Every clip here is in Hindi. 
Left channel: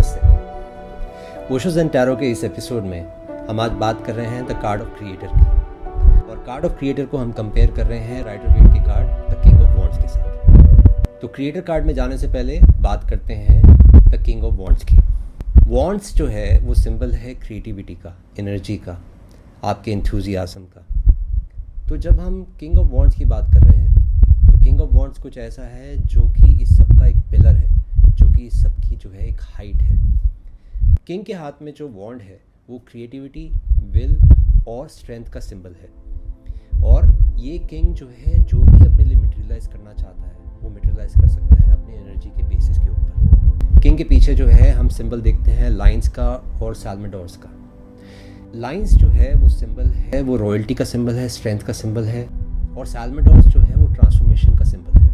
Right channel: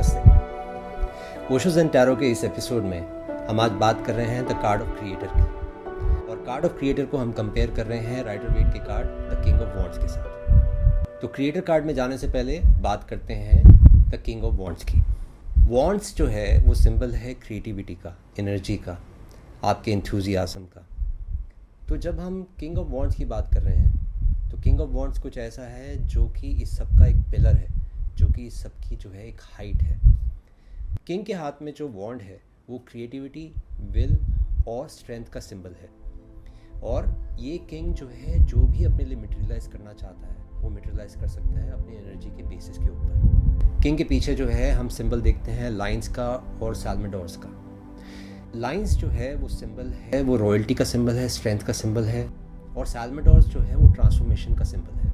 नमस्ते। ओशो ज़ेन टैरो के इस एपिसोड में हम आज बात कर रहे हैं द कार्ड ऑफ क्रिएटर की, और कार्ड ऑफ क्रिएटर को हम कंपेयर कर रहे हैं राइडर वेट के card the king of wands के साथ। तो क्रिएटर कार्ड में जाने से पहले बात करते हैं द किंग ऑफ वॉन्ड्स की। वॉन्ड्स जो है वो सिंबल है क्रिएटिविटी का, एनर्जी का, आपके एंथुजियाज्म का। तो जब हम किंग ऑफ वॉन्ड्स की बात कर रहे हैं तो किंग ऑफ वॉन्ड्स कुछ ऐसा है जो कि इस सब का एक पिलर है, जो कि इस सब की जो है एक हाइट है। किंग के हाथ में जो वॉन्ड है वो क्रिएटिविटी, विल और स्ट्रेंथ का सिंबल है। और ये किंग जो है जो भी अपने लिए मटेरियलाइज करना चाहता है वो मटेरियलाइज कर सकता है अपनी एनर्जी के बेसिस के ऊपर। किंग के पीछे जो है हम सिंबल देखते हैं लाइन्स का और साल्मेडोर्स का। लाइन्स जो है वो सिंबल है, वो रॉयल्टी का सिंबल है, स्ट्रेंथ का सिंबल है, और साल्मेडोर्स जो है वो ट्रांसफॉर्मेशन का सिंबल है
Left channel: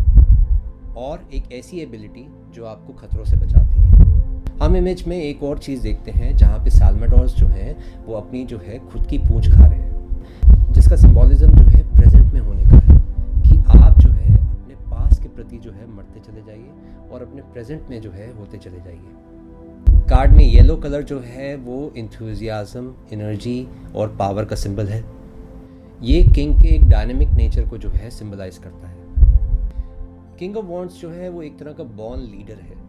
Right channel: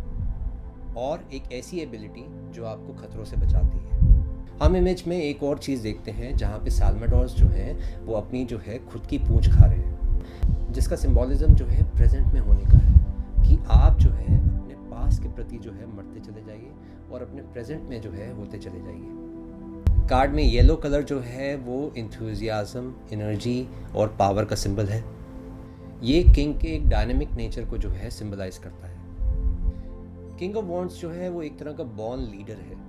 और एक ऐसी एबिलिटी जो आपको खतरों से बचाती है। हम इमेज में एक और चीज़ देखते हैं जहाँ पे साल्मेडोर्स जो है वो अपनी जो है खुद की पूंछ खा रहे हैं, जिसका सिंबॉलिज्म जो है प्रेजेंट में होने का है कि आप जो है अपने पास्ट के प्रति जो है मरते चले जाइए और अपने प्रेजेंट में जो है होते चले जाइए। कार्ड में येलो कलर जो है वो इंथुजियाज्म, एनर्जी और पावर का सिंबल है। ये किंग के एक डायनेमिक नेचर को जो है सिंबलाइज करता है। किंग ऑफ वॉन्ड्स जो है वो एक तरह का बॉर्न लीडर है।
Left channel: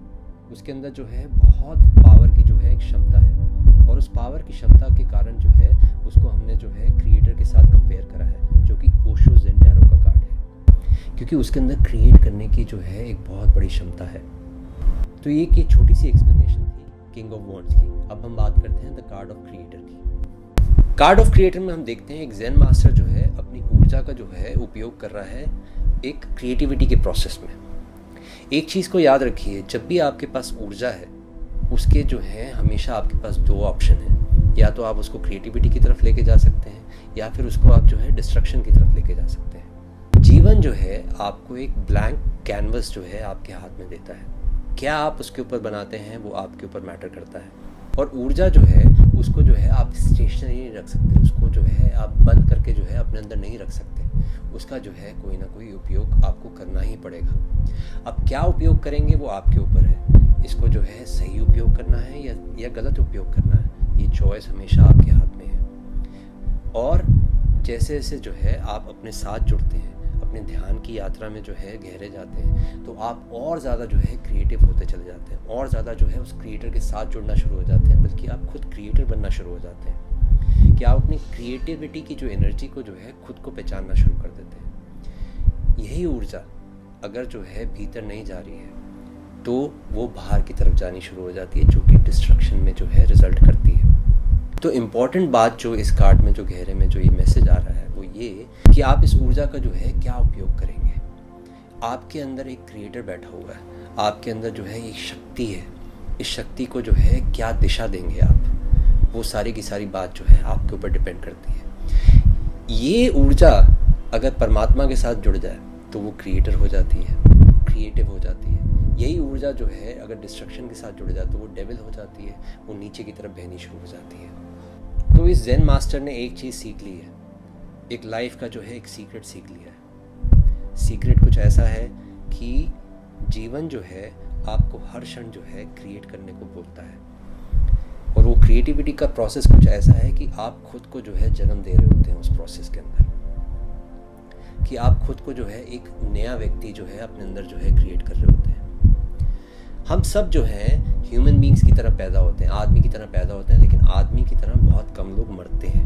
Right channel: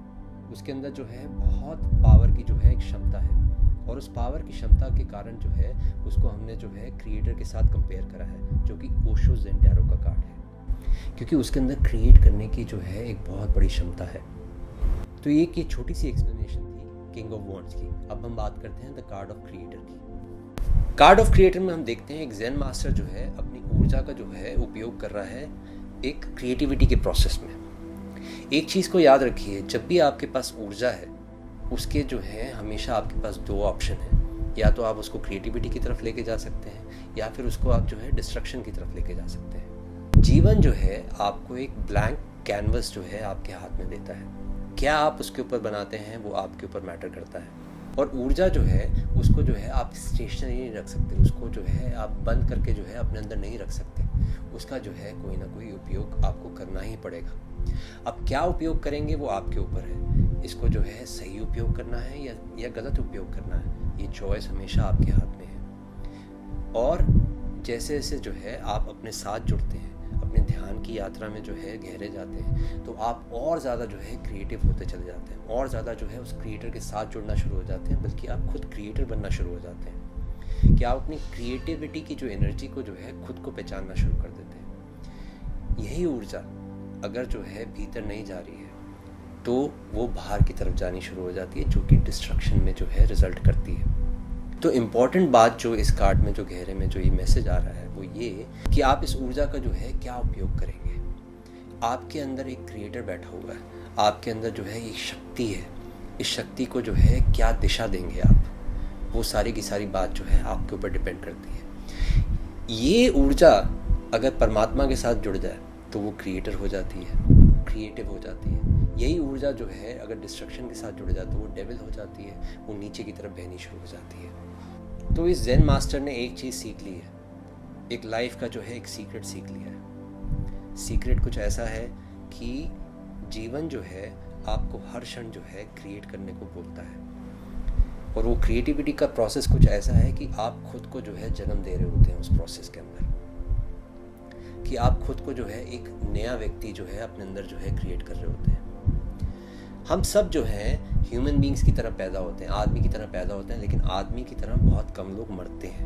उसके अंदर जो है बहुत पावर की जो है एक क्षमता है, और उस पावर की क्षमता के कारण जो है उसको हमने जो है क्रिएटर के साथ कंपेयर करा है, जो कि ओशो ज़ेन टैरो का कार्ड है, क्योंकि उसके अंदर क्रिएट करने की जो है एक बहुत बड़ी क्षमता है। तो ये छोटी सी एक्सप्लेनेशन थी किंग ऑफ वॉन्ड्स की। अब हम बात करते हैं द कार्ड ऑफ क्रिएटर की। कार्ड ऑफ क्रिएटर में हम देखते हैं एक ज़ेन मास्टर जो है अपनी ऊर्जा का जो है उपयोग कर रहा है एक क्रिएटिविटी के प्रोसेस में। एक चीज़ को याद रखिए, जब भी आपके पास ऊर्जा है उसके जो है हमेशा आपके पास दो ऑप्शन हैं। या तो आप उसको क्रिएटिविटी की तरफ लेके जा सकते हैं या फिर उसको आप जो है डिस्ट्रक्शन की तरफ लेके जा सकते हैं। जीवन जो है आपको एक ब्लैंक कैनवस जो है आपके हाथ में देता है। क्या आप उसके ऊपर बनाते हैं वो आपके ऊपर मैटर करता है। और ऊर्जा जो है उसको जो है आप स्टेशनरी नहीं रख सकते, उसको जो है आप बंद करके जो है अपने अंदर नहीं रख सकते। उसका जो है कोई ना कोई उपयोग आपको करना ही पड़ेगा। अब क्या उपयोग करेंगे वो आपके ऊपर है। इसको जो है सही उपयोग करना है या गलत उपयोग करना है, ये चॉइस हमेशा आपके हाथ में है। और जैसे जैसे जो है आप अपने साथ जुड़ते हैं, अपने ध्यान की यात्रा में जो है गहरे जाते हैं, तो आप और ज़्यादा जो है क्रिएटिव होते चले जाते हैं, और ज़्यादा जो है उस क्रिएटर के साथ जुड़ना शुरू हो जाते हैं, बल्कि आप खुद क्रिएटर बनना शुरू हो जाते हैं कि आप अपनी क्रिएटिविटी की जो एनर्जी को जो है खुद को पहचानना शुरू कर देते हैं। यही ऊर्जा अगर जो है भीतर नहीं जा रही है तो वो बाहर की तरफ जानी शुरू हो जाती है, जो कि डिस्ट्रक्शन में जो है रिजल्ट करती है। तो इम्पॉर्टेंट बात जो इस कार्ड में जो गहरे में जो ये मैसेज आ रहा है वो ये कि आप इस ऊर्जा का जो है क्या उपयोग करेंगे। आपके अंदर एक क्रिएटर बैठा हुआ है, आपके अंदर जो है एक शक्ति है। इस शक्ति को जो है क्या दिशा देंगे आप, वो सारी की सारी बात जो है आपके ऊपर डिपेंड करती है। ये ऊर्जा अगर परमात्मा के साथ जुड़ जाए तो वो क्रिएटर हो जाती है, क्रिएटिव हो जाती है। यही ऊर्जा जो है अगर डिस्ट्रक्शन के साथ जुड़ जाए तो वो डेविल हो जाती है, वो नीचे की तरफ बहनी शुरू हो जाती है। तो इस ज़ेन मास्टर ने एक चीज़ सीख ली है, एक लाइफ का जो है एक सीक्रेट सीख लिया है। सीक्रेट कुछ ऐसा है कि जीवन जो है आपको हर क्षण जो है क्रिएट करने को बोलता है, और वो क्रिएटिविटी का प्रोसेस कुछ ऐसा है कि आप खुद को जो है जन्म दे रहे होते हैं उस प्रोसेस के अंदर, कि आप खुद को जो है एक नया व्यक्ति जो है अपने अंदर जो है क्रिएट कर रहे होते हैं। हम सब जो हैं ह्यूमन बींग्स की तरह पैदा होते हैं, आदमी की तरह पैदा होते हैं, लेकिन आदमी की तरह बहुत कम लोग मरते हैं,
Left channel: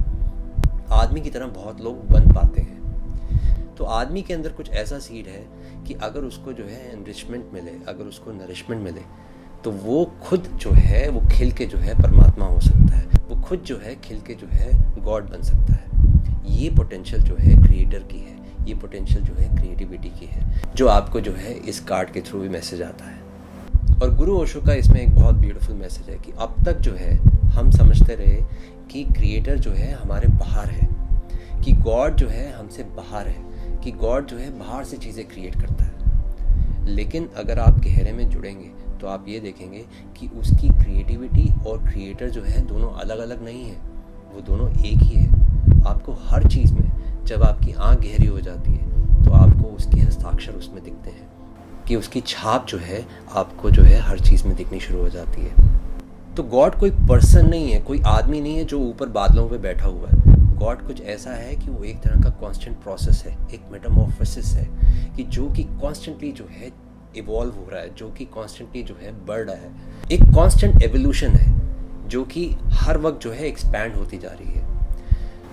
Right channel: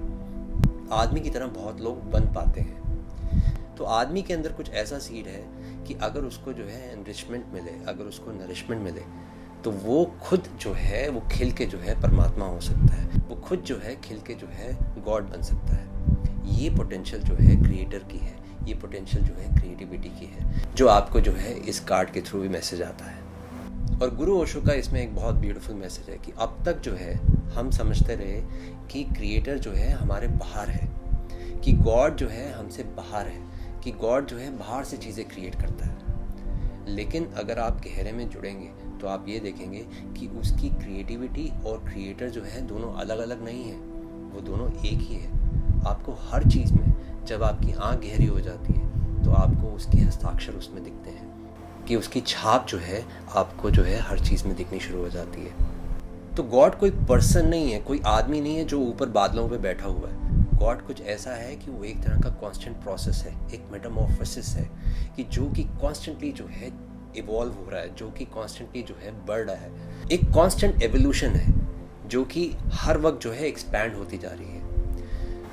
आदमी की तरह बहुत लोग बन पाते हैं। तो आदमी के अंदर कुछ ऐसा सीड है कि अगर उसको जो है एनरिचमेंट मिले, अगर उसको नरिशमेंट मिले, तो वो खुद जो है वो खिल के जो है परमात्मा हो सकता है, वो खुद जो है खिल के जो है गॉड बन सकता है। ये पोटेंशियल जो है क्रिएटर की है, ये पोटेंशियल जो है क्रिएटिविटी की है, जो आपको जो है इस कार्ड के थ्रू भी मैसेज आता है। और गुरु ओशो का इसमें एक बहुत ब्यूटीफुल मैसेज है कि अब तक जो है हम समझते रहे कि क्रिएटर जो है हमारे बाहर है, कि गॉड जो है हमसे बाहर है, कि गॉड जो है बाहर से चीज़ें क्रिएट करता है। लेकिन अगर आप गहरे में जुड़ेंगे तो आप ये देखेंगे कि उसकी क्रिएटिविटी और क्रिएटर जो है दोनों अलग अलग नहीं है, वो दोनों एक ही है। आपको हर चीज़ में जब आपकी आँख गहरी हो जाती है तो आपको उसके हस्ताक्षर उसमें दिखते हैं, कि उसकी छाप जो है आपको जो है हर चीज़ में दिखनी शुरू हो जाती है। तो गॉड कोई पर्सन नहीं है, कोई आदमी नहीं है जो ऊपर बादलों पे बैठा हुआ है। गॉड कुछ ऐसा है कि वो एक तरह का कांस्टेंट प्रोसेस है, एक मेटामॉर्फोसिस है कि जो कि कॉन्स्टेंटली जो है इवॉल्व हो रहा है, जो कि कॉन्स्टेंटली जो है बढ़ रहा है। एक कांस्टेंट एवोल्यूशन है जो कि हर वक्त जो है एक्सपैंड होती जा रही है।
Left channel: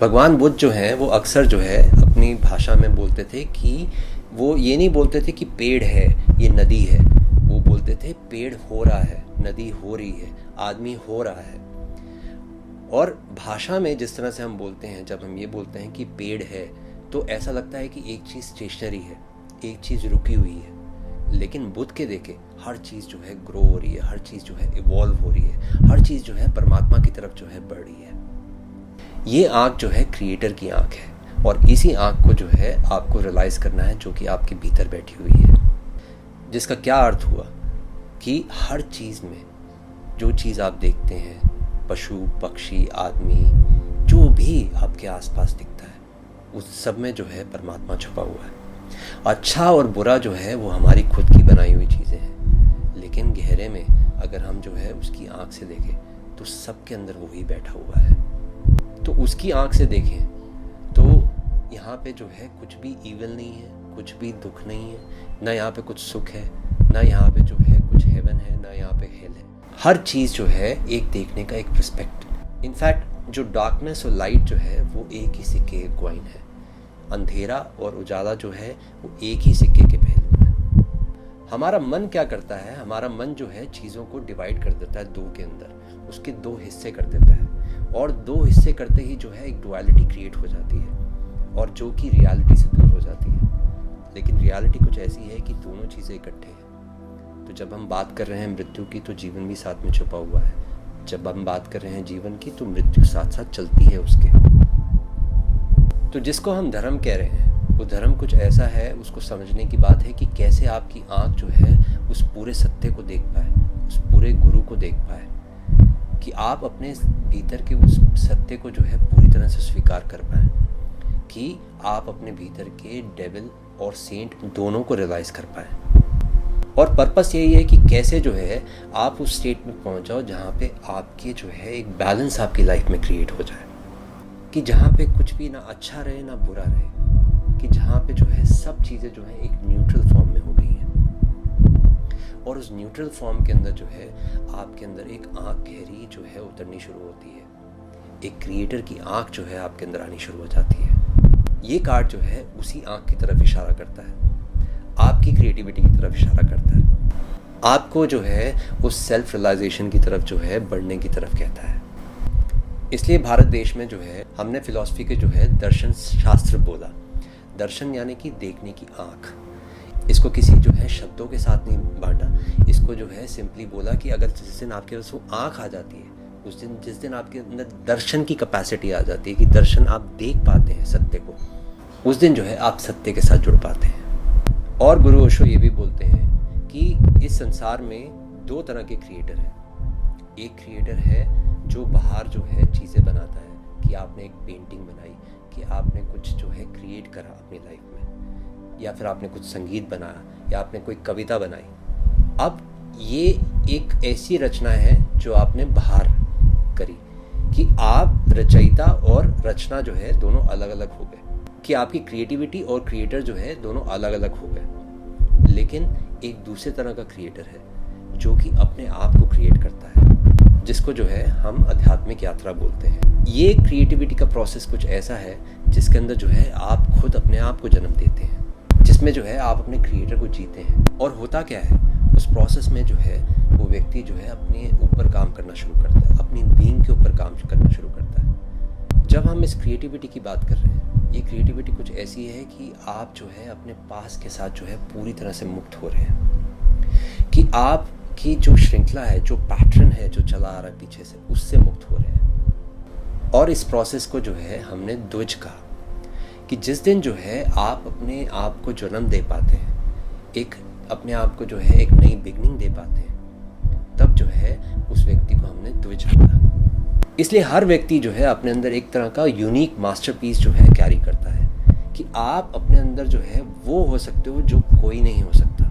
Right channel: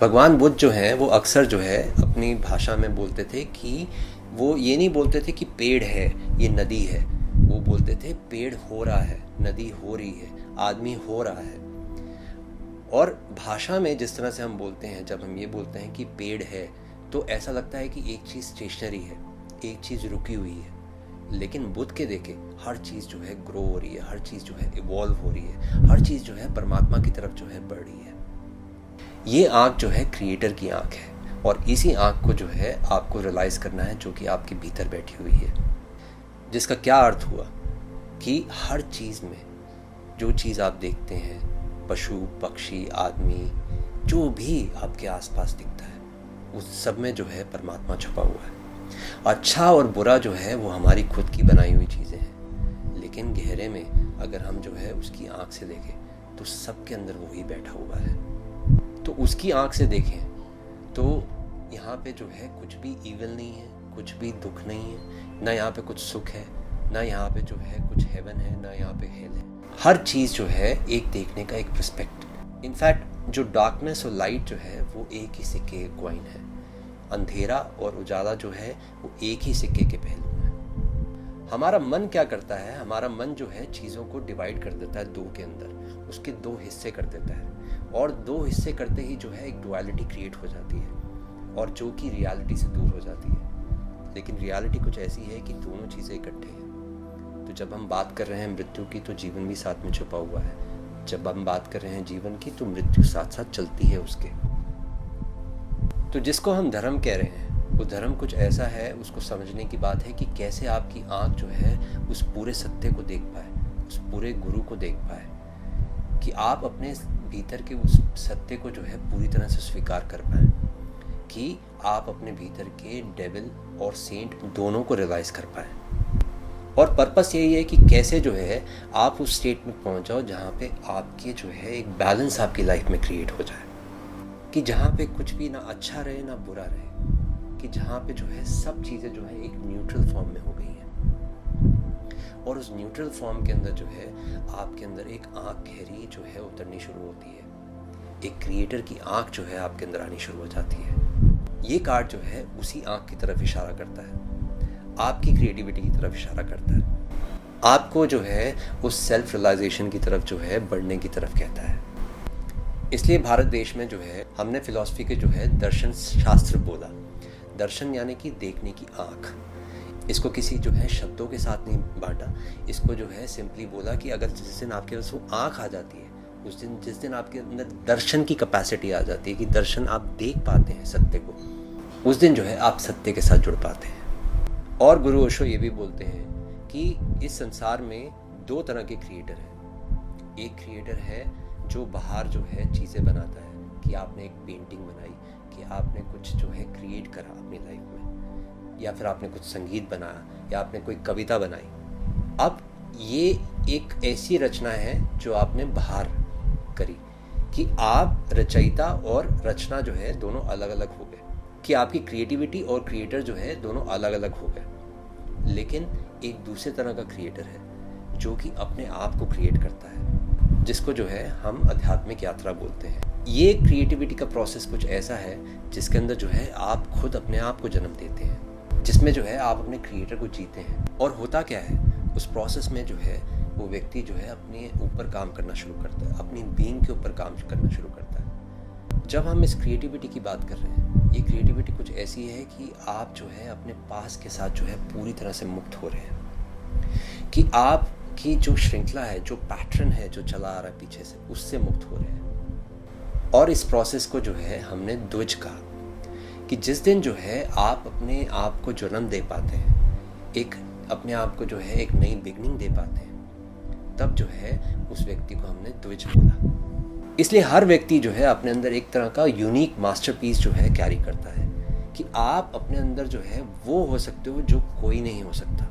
भगवान बुद्ध जो है वो अक्सर जो है अपनी भाषा में बोलते थे कि वो ये नहीं बोलते थे कि पेड़ है, ये नदी है, वो बोलते थे पेड़ हो रहा है, नदी हो रही है, आदमी हो रहा है। और भाषा में जिस तरह से हम बोलते हैं, जब हम ये बोलते हैं कि पेड़ है, तो ऐसा लगता है कि एक चीज़ स्टेशनरी है, एक चीज़ रुकी हुई है। लेकिन बुद्ध के देखे हर चीज़ जो है ग्रो हो रही है, हर चीज़ जो है इवॉल्व हो रही है, हर चीज़ जो है परमात्मा की तरफ जो है बढ़ रही है। ये आँख जो है क्रिएटर की आँख है, और इसी आँख को जो है आपको रियलाइज़ करना है, जो कि आपके भीतर बैठी हुई है। जिसका क्या अर्थ हुआ कि हर चीज़ में जो चीज़ आप देखते हैं, पशु पक्षी आदमी, जो भी आपके आसपास दिखता है, उस सब में जो है परमात्मा छुपा हुआ है। अच्छा और बुरा जो है वो हमारी खुद की बनाई हुई चीज़ें हैं, लेकिन गहरे में अगर हम जो है उसकी आँख से देखें तो सबके अंदर वही बैठा हुआ है। तो उसकी आँख से देखें तो यहाँ पे जो है कुछ भी ईविल नहीं है, कुछ भी दुख नहीं है, ना यहाँ पे कुछ सुख है, ना यहाँ पे जो है कुछ हेवन है, ना यहाँ पे हेल है। हर चीज़ जो है एक देखने का एक पर्सपेक्टिव। इनफैक्ट जो डार्कनेस और लाइट जो है वो एक ही सिक्के के कॉइन है। अंधेरा और उजाला जो है वो एक ही सिक्के के पहलू हैं। हमारा मन क्या करता है, हमारा मन जो है चीज़ों को डिवाइड कर देता है दो के अंदर, उसके दो हिस्से कर देता है, और दो हिस्से करते ही जो है एक डुअलिटी क्रिएट हो जाती है, और जो कि रियलिटी से दूर हो जाती है। लेकिन रियलिटी कुछ ऐसी है कि दोनों चीज़ें इकट्ठे हैं। तो जब हम बात कर रहे हैं मृत्यु की, तो जीवन भी साथ में छुपा हुआ है। जब हम बात कर रहे हैं जीवन की, तो मृत्यु साथ साथ चलती है उसके। तो जिसको हम धर्म कह रहे हैं, वो धर्म कुछ ऐसा है, उसको समझने की बात है कि कैसे आपकी आँख जो है उस पूरे सत्य को देख पाए, उस पूरे गुरु को देख पाए, कि आप अपने भीतर के उस सत्य को जो है पूरी तरह से स्वीकार कर पाएँ, कि आप अपने भीतर के डेविल और सेंट दोनों को रियलाइज़ कर पाएँ। और पर्पस यही है कि कैसे जो है आप उस स्टेट में पहुंच जाओ जहाँ पे आपके जो है एक बैलेंस आपकी लाइफ में क्रिएट हो जाए, कि जहाँ पे कुछ भी ना अच्छा रहे ना बुरा रहे, कि जहाँ पे जो है सब चीज़ें जो है एक न्यूट्रल फॉर्म में हो गई हैं। और उस न्यूट्रल फॉर्म के अंदर जो है आपके अंदर एक आँख गहरी जो है उतरनी शुरू होती है, एक क्रिएटर की आँख जो है आपके अंदर आनी शुरू हो जाती है। ये कार्ड जो है उसी आँख की तरफ इशारा करता है, आपकी क्रिएटिविटी की तरफ इशारा करता है, आपको जो है उस सेल्फ रियलाइजेशन की तरफ जो है बढ़ने की तरफ कहता है। इसलिए भारत देश में जो है हमने फिलॉसफी के जो है दर्शन शास्त्र बोला। दर्शन यानी कि देखने की आँख। इसको किसी जो है शब्दों के साथ नहीं बांटा, इसको जो है सिंपली बोला कि अगर जिस दिन आपके पास वो आँख आ जाती है, उस दिन जिस दिन आपके अंदर दर्शन की कैपेसिटी आ जाती है कि दर्शन आप देख पाते हैं सत्य को, उस दिन जो है आप सत्य के साथ जुड़ पाते हैं। और गुरु ओशो ये भी बोलते हैं कि इस संसार में दो तरह के क्रिएटर हैं। एक क्रिएटर है जो बाहर जो है चीज़ें बनाता है, कि आपने एक पेंटिंग बनाई, कि आपने कुछ जो है क्रिएट करा अपनी लाइफ में, या फिर आपने कुछ संगीत बनाया, या आपने कोई कविता बनाई। अब ये एक ऐसी रचना है जो आपने बाहर करी, कि आप रचयिता और रचना जो है दोनों अलग अलग हो गए, कि आपकी क्रिएटिविटी और क्रिएटर जो है दोनों अलग अलग हो गए। लेकिन एक दूसरे तरह का क्रिएटर है जो कि अपने आप को क्रिएट करता है, जिसको जो है हम आध्यात्मिक यात्रा बोलते हैं। ये क्रिएटिविटी का प्रोसेस कुछ ऐसा है जिसके अंदर जो है आप खुद अपने आप को जन्म देते हैं, जिसमें जो है आप अपने क्रिएटर को जीते हैं। और होता क्या है उस प्रोसेस में जो है वो व्यक्ति जो है अपने ऊपर काम करना शुरू करता है, अपनी बीइंग के ऊपर काम करना शुरू करता है। जब हम इस क्रिएटिविटी की बात कर रहे हैं, ये क्रिएटिविटी कुछ ऐसी है कि आप जो है अपने पास के साथ जो है पूरी तरह से मुक्त हो रहे हैं, कि आपकी जो श्रृंखला है, जो पैटर्न है जो चला आ रहा है पीछे से, उससे मुक्त हो रहे हैं। और इस प्रोसेस को जो है हमने द्विज कहा, कि जिस दिन जो है आप अपने आप को जन्म दे पाते हैं, एक अपने आप को जो है एक नई बिगनिंग दे पाते हैं, तब जो है उस व्यक्ति को हमने द्विज बोला। इसलिए हर व्यक्ति जो है अपने अंदर एक तरह का यूनिक मास्टरपीस जो है कैरी करता है, कि आप अपने अंदर जो है वो हो सकते हो जो कोई नहीं हो सकता।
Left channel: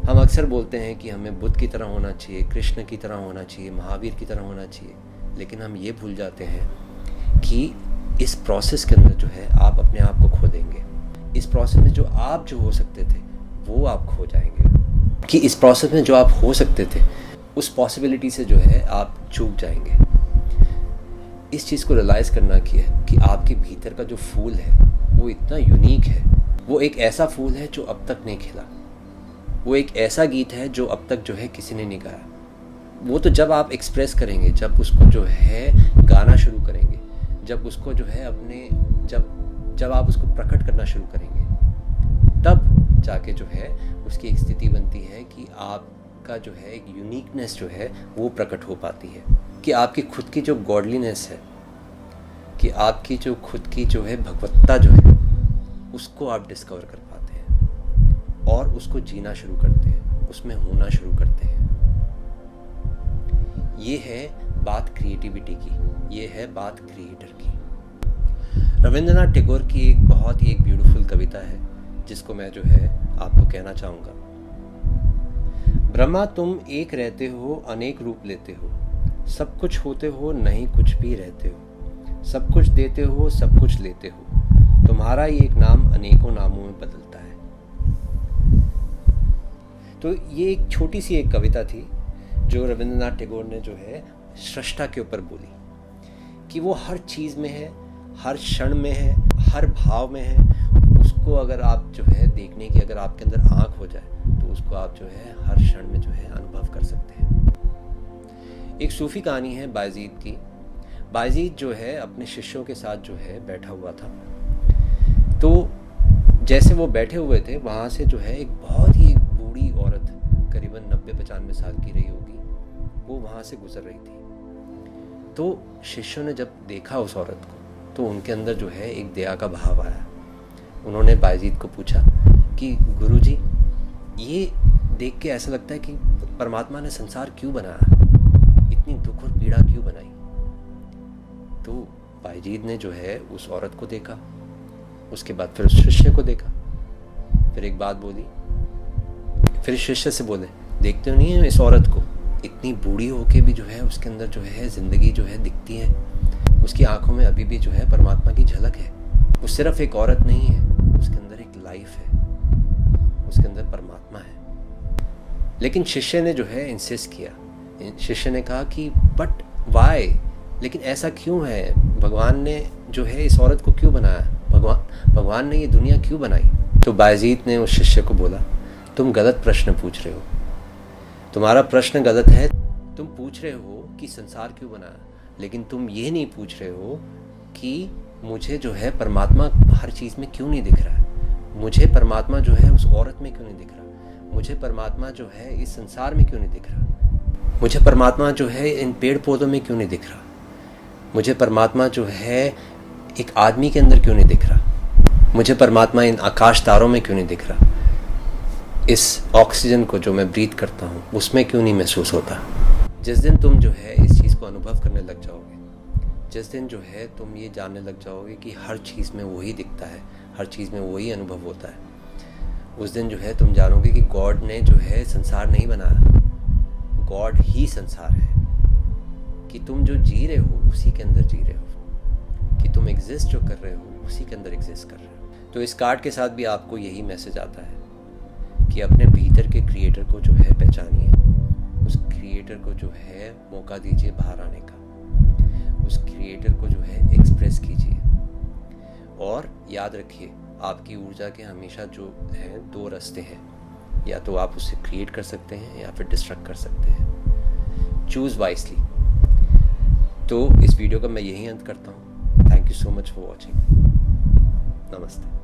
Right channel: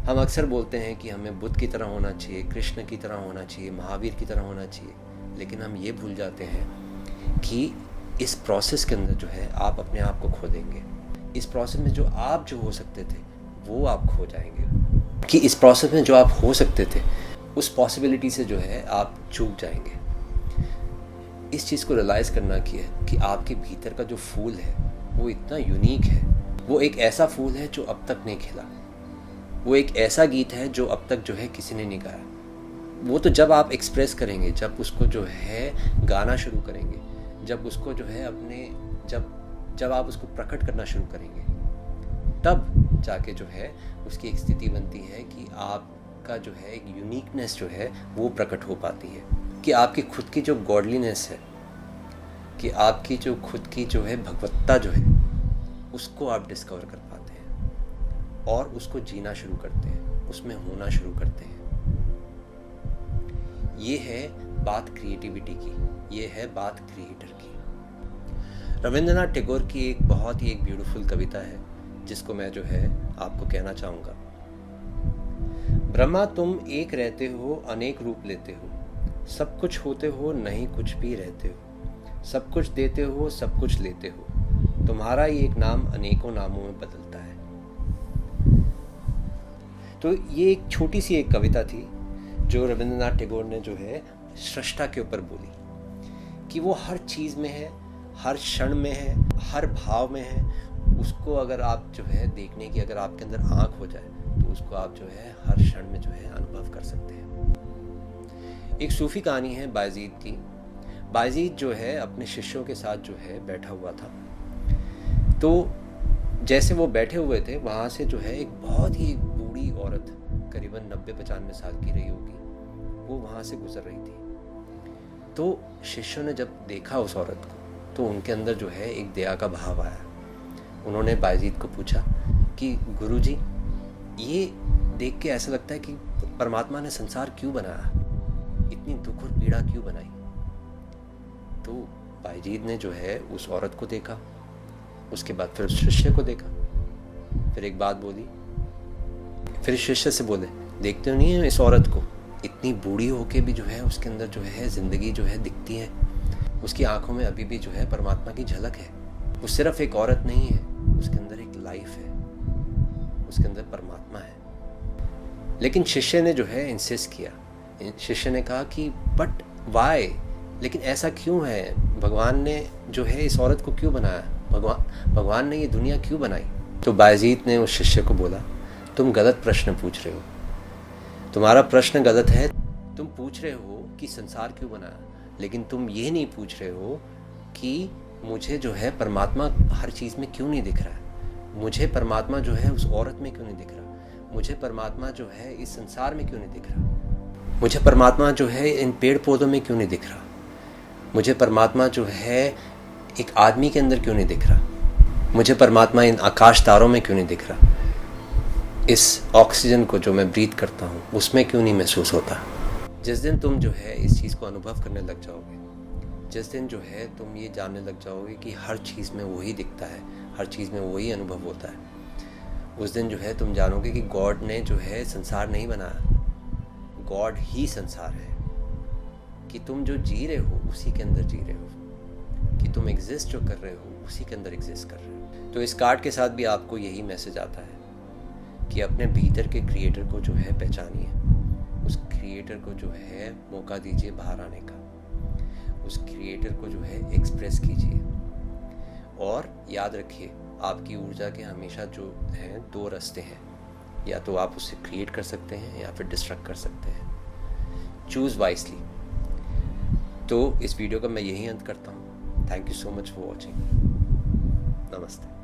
हम अक्सर बोलते हैं कि हमें बुद्ध की तरह होना चाहिए, कृष्ण की तरह होना चाहिए, महावीर की तरह होना चाहिए, लेकिन हम ये भूल जाते हैं कि इस प्रोसेस के अंदर जो है आप अपने आप को खो देंगे। इस प्रोसेस में जो आप हो सकते थे वो आप खो जाएंगे, कि इस प्रोसेस में जो आप हो सकते थे उस पॉसिबिलिटी से जो है आप चूक जाएंगे। इस चीज़ को रियलाइज़ करना कि आपके भीतर का जो फूल है वो इतना यूनिक है। वो एक ऐसा फूल है जो अब तक नहीं खिला। वो एक ऐसा गीत है जो अब तक जो है किसी ने नहीं गाया। वो तो जब आप एक्सप्रेस करेंगे, जब उसको जो है गाना शुरू करेंगे, जब उसको जो है अपने जब आप उसको प्रकट करना शुरू करेंगे, तब जाके जो है उसकी एक स्थिति बनती है कि आपका जो है एक यूनिकनेस जो है वो प्रकट हो पाती है, कि आपकी खुद की जो गॉडलीनेस है, कि आपकी जो खुद की जो है भगवत्ता जो है उसको आप डिस्कवर कर पाते हैं और उसको जीना शुरू करते हैं, उसमें होना शुरू करते हैं। ये है बात क्रिएटिविटी की, ये है बात क्रिएटर की। रविंद्रनाथ टैगोर की एक बहुत ही ब्यूटीफुल कविता है जिसको मैं जो है आपको कहना चाहूँगा। ब्रह्मा तुम एक रहते हो, अनेक रूप लेते हो, सब कुछ होते हो, नहीं कुछ भी रहते हो, सब कुछ देते हो, सब कुछ लेते हो, तुम्हारा ही एक नाम अनेकों नामों में बदलता है। तो ये एक छोटी सी एक कविता थी जो रविंद्रनाथ टैगोर ने जो है सृष्टा के ऊपर बोली, कि वो हर चीज़ में है, हर क्षण में है, हर भाव में है। उसको अगर आप जो है देखने की अगर आपके अंदर आँख हो जाए तो उसको आप जो है हर क्षण में जो है अनुभव कर सकते हैं। एक सूफी कहानी है बायजीद की। बायजीद जो है अपने शिष्यों के साथ जो है बैठा हुआ था। तो जैसे वो बैठे हुए थे, वहाँ से जो है एक बहुत ही बूढ़ी औरत, करीबन 90-95 साल की रही होगी, वो वहाँ से गुजर रही थी। तो शिष्यों ने जब देखा उस औरत को तो उनके अंदर जो है एक दया का भाव आया। उन्होंने बायजीद को पूछा कि गुरुजी, ये देख के ऐसा लगता है कि परमात्मा ने संसार क्यों बनाया, इतनी दुख और पीड़ा क्यों बनाई। तो बायजीद ने जो है उस औरत को देखा, उसके बाद फिर उस शिष्य को देखा, फिर एक बात बोली, फिर शिष्य से बोले, देखते हो नहीं है इस औरत को, इतनी बूढ़ी होके भी जो है उसके अंदर जो है जिंदगी जो है दिखती है, उसकी आंखों में अभी भी जो है परमात्मा की झलक है। वो सिर्फ एक औरत नहीं है, उसके अंदर एक लाइफ है, उसके अंदर परमात्मा है। लेकिन शिष्य ने जो है इंसिस्ट किया, शिष्य ने कहा कि बट वाई, लेकिन ऐसा क्यों है, भगवान ने जो है इस औरत को क्यों बनाया, भगवान ने ये दुनिया क्यों बनाई। तो बायजीद ने उस शिष्य को बोला, तुम गलत प्रश्न पूछ रहे हो, तुम्हारा प्रश्न गलत है। तुम पूछ रहे हो कि संसार क्यों बनाया, लेकिन तुम ये नहीं पूछ रहे हो कि मुझे जो है परमात्मा हर चीज़ में क्यों नहीं दिख रहा है, मुझे परमात्मा जो है उस औरत में क्यों नहीं दिख रहा, मुझे परमात्मा जो है इस संसार में क्यों नहीं दिख रहा, मुझे परमात्मा जो है इन पेड़ पौधों में क्यों नहीं दिख रहा, मुझे परमात्मा जो है एक आदमी के अंदर क्यों नहीं दिख रहा, मुझे परमात्मा इन आकाश तारों में क्यों नहीं दिख रहा, इस ऑक्सीजन को जो मैं ब्रीथ करता हूँ उसमें क्यों नहीं महसूस होता। जिस दिन तुम जो है इस चीज़ को अनुभव करने लग जाओगे, जिस दिन जो है तुम ये जानने लग जाओगे कि हर चीज़ में वही दिखता है, हर चीज़ में वही अनुभव होता है, उस दिन जो है तुम जानोगे कि गॉड ने जो है संसार नहीं बनाया, गॉड ही संसार है, कि तुम जो जी रहे हो उसी के अंदर जी रहे हो, कि तुम एग्जिस्ट जो कर रहे हो उसी के अंदर एग्जिस्ट कर रहे हो। तो इस कार्ड के साथ भी आपको यही मैसेज आता है कि अपने भीतर के क्रिएटर को जो है पहचानिए, उस क्रिएटर को जो है मौका दीजिए बाहर आने का, उस क्रिएटर को जो है एक्सप्रेस कीजिए। और याद रखिए, आपकी ऊर्जा के हमेशा जो हैं 2 रास्ते हैं, या तो आप उसे क्रिएट कर सकते हैं या फिर डिस्ट्रक्ट कर सकते हैं। Choose wisely. तो इस वीडियो का मैं यही अंत करता हूँ। Thank you so much for watching. नमस्ते।